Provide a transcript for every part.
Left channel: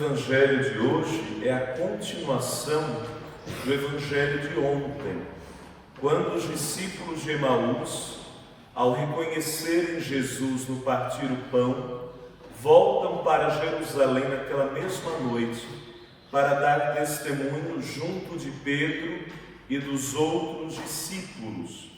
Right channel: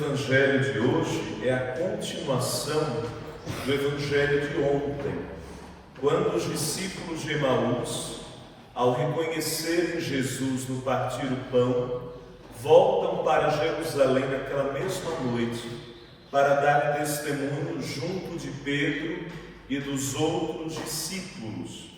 Evangelho de hoje é a continuação do Evangelho de ontem, quando os discípulos de Emaús, ao reconhecerem Jesus no partir o pão, voltam para Jerusalém naquela mesma noite para dar testemunho junto de Pedro e dos outros discípulos.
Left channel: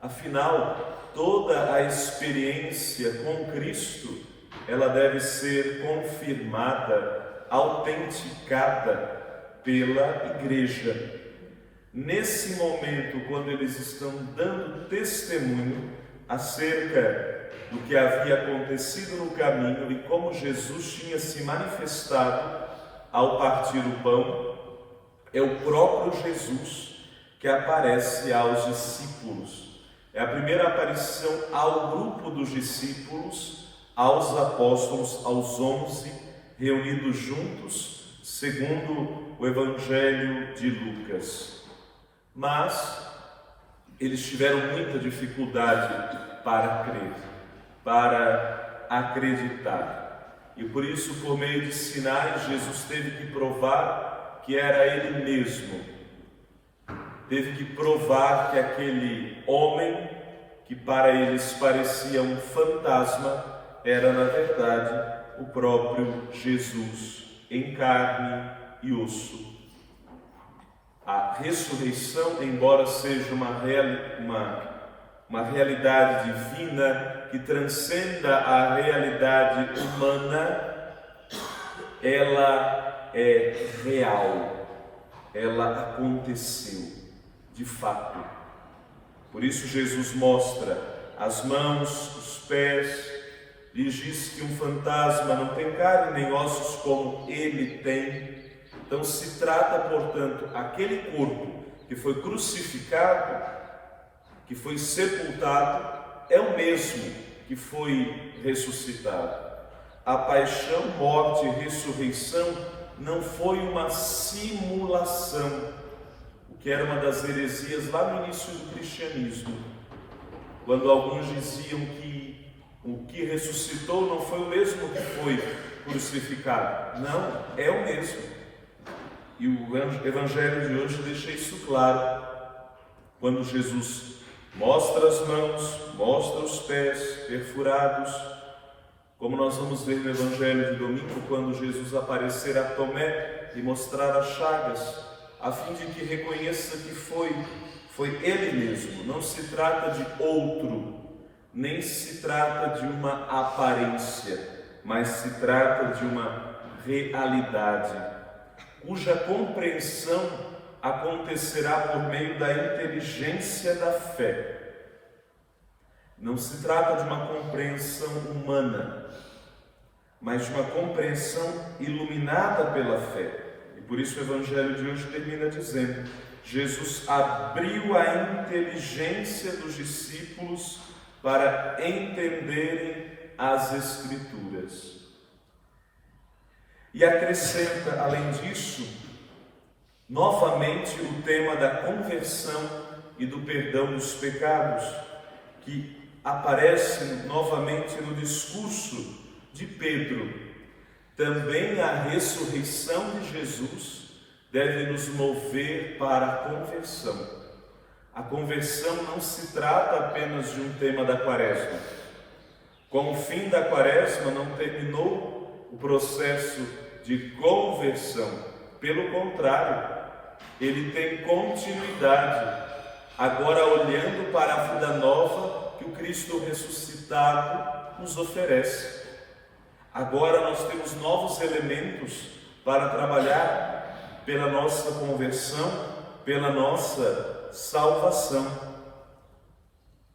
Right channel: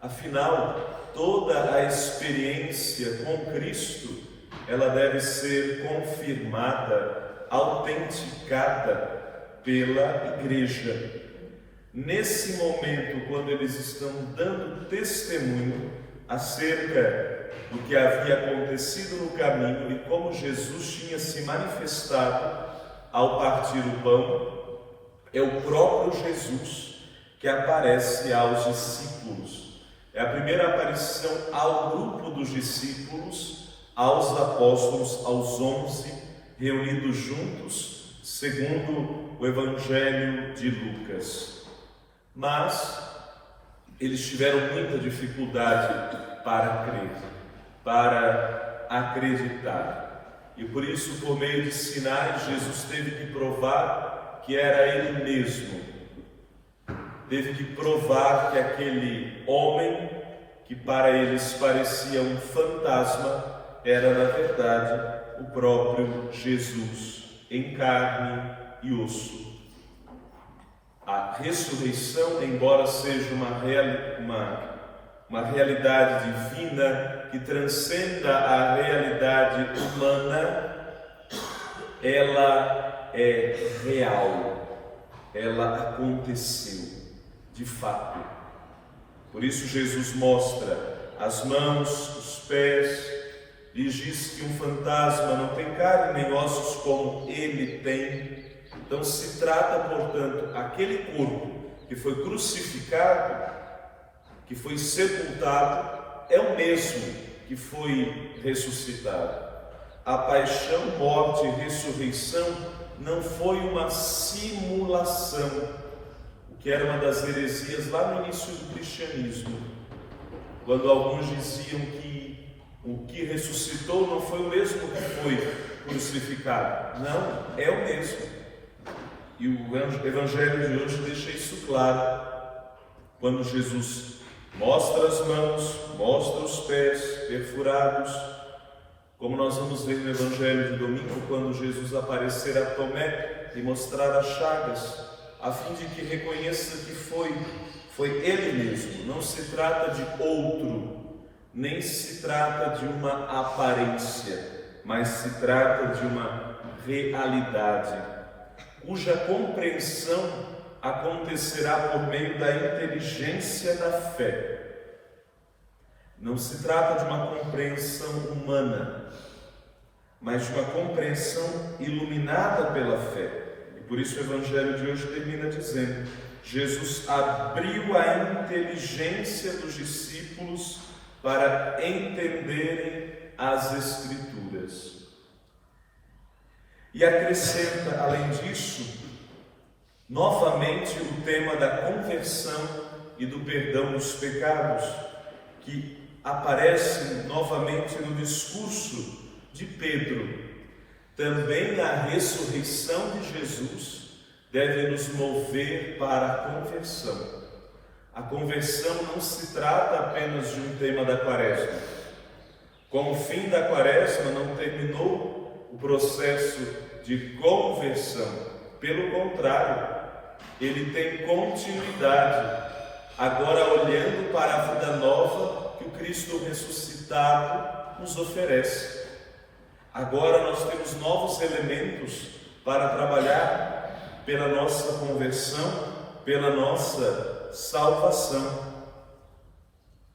Afinal, toda a experiência com Cristo, ela deve ser confirmada, autenticada pela Igreja. Nesse momento, quando eles estão dando testemunho acerca do que havia acontecido no caminho e como Jesus tinha se manifestado ao partir o pão, é o próprio Jesus que aparece aos discípulos. É a primeira aparição ao grupo dos discípulos, aos apóstolos, aos 11 reunidos juntos, segundo o Evangelho de Lucas. Mas eles tiveram muita dificuldade para crer, para acreditar. E por isso, por meio de sinais, Jesus teve que provar que era Ele mesmo. Teve que provar que aquele homem, que para eles parecia um fantasma, era na verdade o próprio Jesus, em carne e osso. A ressurreição, embora seja uma realidade divina que transcenda a realidade humana, ela é real, ela aconteceu de fato. Por isso Jesus mostra as mãos, os pés, lhes diz que um fantasma não tem carne nem ossos como ele tem. Então se trata, portanto, aquele corpo que foi crucificado, que foi sepultado, é o mesmo que foi ressuscitado. A paixão, morte e ressurreição não foi uma simulação, o que era uma das heresias lá no início do cristianismo, quando alguns diziam que o que ressuscitou não foi o mesmo que foi crucificado. Não, é o mesmo. E o Evangelho de hoje deixa isso claro. Quando Jesus mostra as mãos, mostra os pés perfurados, como nós vamos ver no Evangelho de domingo, quando Jesus aparecer a Tomé e mostrar as chagas, a fim de que reconheça que foi Ele mesmo. Não se trata de outro, nem se trata de uma aparência, mas se trata de uma realidade, cuja compreensão acontecerá por meio da inteligência da fé. Não se trata de uma compreensão humana, mas de uma compreensão iluminada pela fé. E por isso o Evangelho de hoje termina dizendo: Jesus abriu a inteligência dos discípulos para entenderem as Escrituras. E acrescenta, além disso, novamente o tema da conversão e do perdão dos pecados, que aparece novamente no discurso de Pedro. Também a ressurreição de Jesus deve nos mover para a conversão. A conversão não se trata apenas de um tema da Quaresma. Com o fim da Quaresma não terminou o processo de conversão. Pelo contrário, ele tem continuidade, agora olhando para a vida nova que o Cristo ressuscitado nos oferece. Agora nós temos novos elementos para trabalhar pela nossa conversão, pela nossa salvação.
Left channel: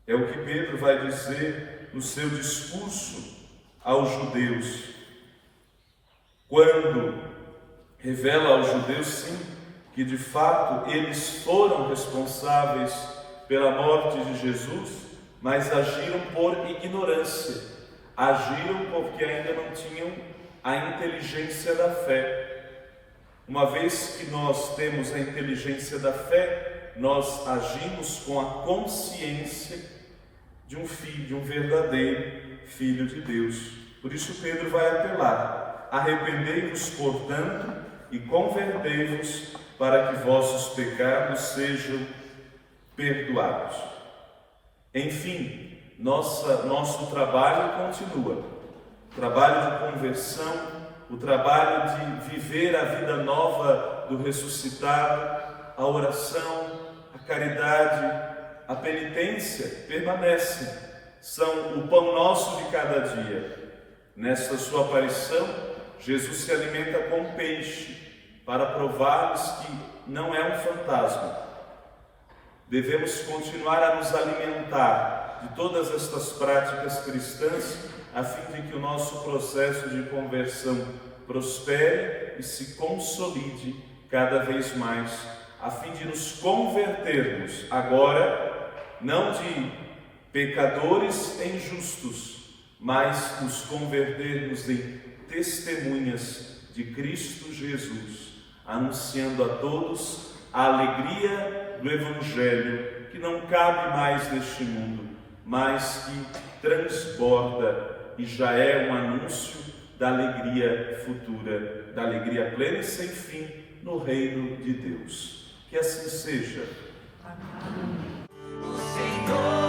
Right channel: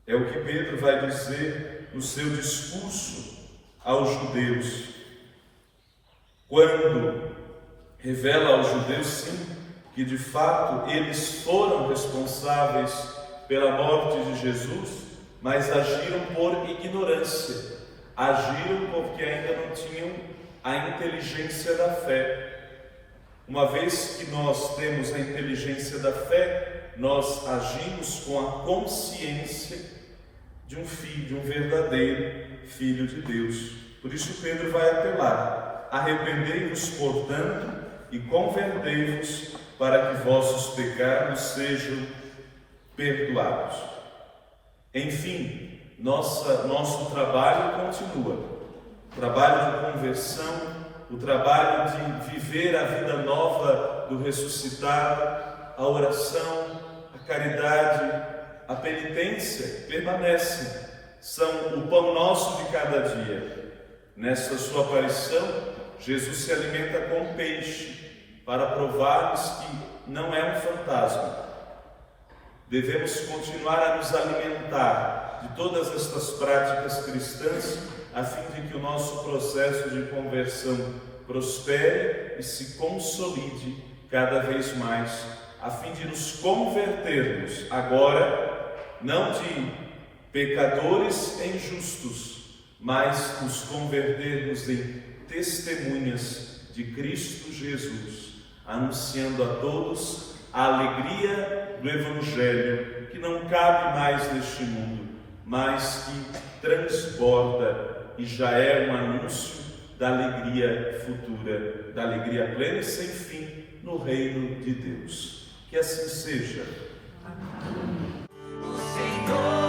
É o que Pedro vai dizer no seu discurso aos judeus, quando revela aos judeus, sim, que de fato eles foram responsáveis pela morte de Jesus, mas agiram por ignorância, agiram porque ainda não tinham a inteligência da fé. Uma vez que nós temos a inteligência da fé, nós agimos com a consciência de um filho, de um verdadeiro Filho de Deus. Por isso Pedro vai apelar Arrependei-vos, portanto, e convertei-vos, para que vossos pecados sejam perdoados. Enfim, nosso trabalho continua. O trabalho de conversão, o trabalho de viver a vida nova do ressuscitado, a oração, a caridade, a penitência permanecem. São o pão nosso de cada dia. Nesta sua aparição, Jesus se alimenta com peixe, para provar-nos que não é um fantasma. Devemos continuar a nos alimentar de todas estas práticas cristãs, a fim de que o nosso processo de conversão prospere e se consolide cada vez mais, a fim de nos convertermos agora, não de pecadores em justos, mas nos convertermos em testemunhas de Cristo Jesus, anunciando a todos a alegria do Evangelho, que não cabe mais neste mundo, mas que transborda e já é um anúncio da alegria futura, da alegria plena e sem fim no reino de Deus. Que assim seja. O Senhor